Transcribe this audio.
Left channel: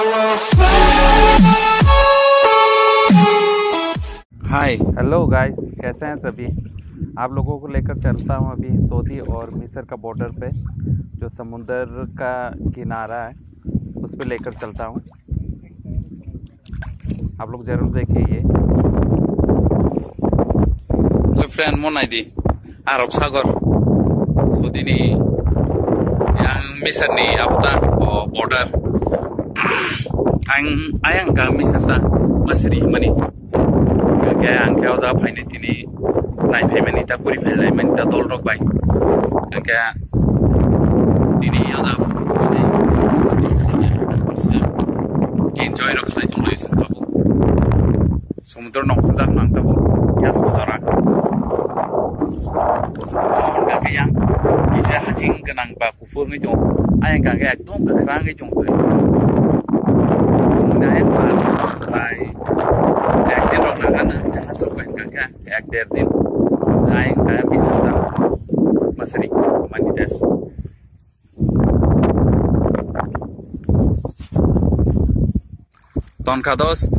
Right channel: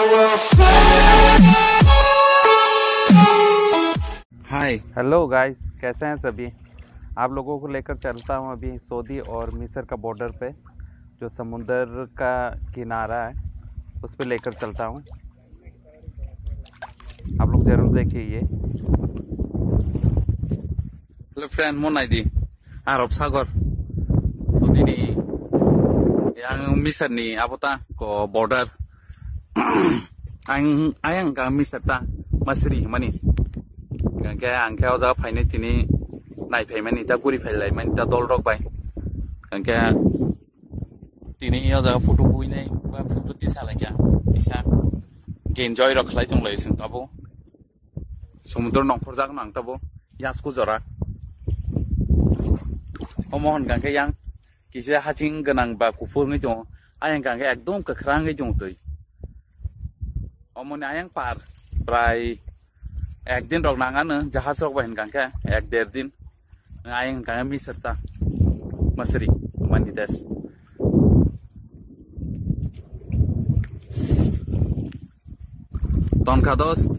Hi hello guys, कैसे हैं सभी। आप लोगों को लेकर चलता हूं अभी सऊदी और मिस्र का बॉर्डर पे, जो समुंदर का किनारा है उस पे लेकर चलता हूं। आप लोग जरूर देखिए ये। फ्रेंड मोनाइदी आरब सागर सऊदी नि मिस्र नि आपता बॉर्डर आं का मिस्र ता मसरी मनी के आं के जा फाइने तिनी नाइ फाइमानि ता गुरि फाइलाय मानि ता दल रक बाय के तिनी या जा फटो फाइनाय दिसा लेका दिसा एन्जॉय रखलाय थंलाय संताबो समुद्र नंखर जाक नांताबो यास गुजरा mohon kake yang kise hajing genang ba kufur ni dong ayang kake ekdom kekrang ni dong tuh kemudian ayang pak rai ekdin rok nakan jahas rok ayang kake ek derdin ayang kake bisa dah masri manites ton kadost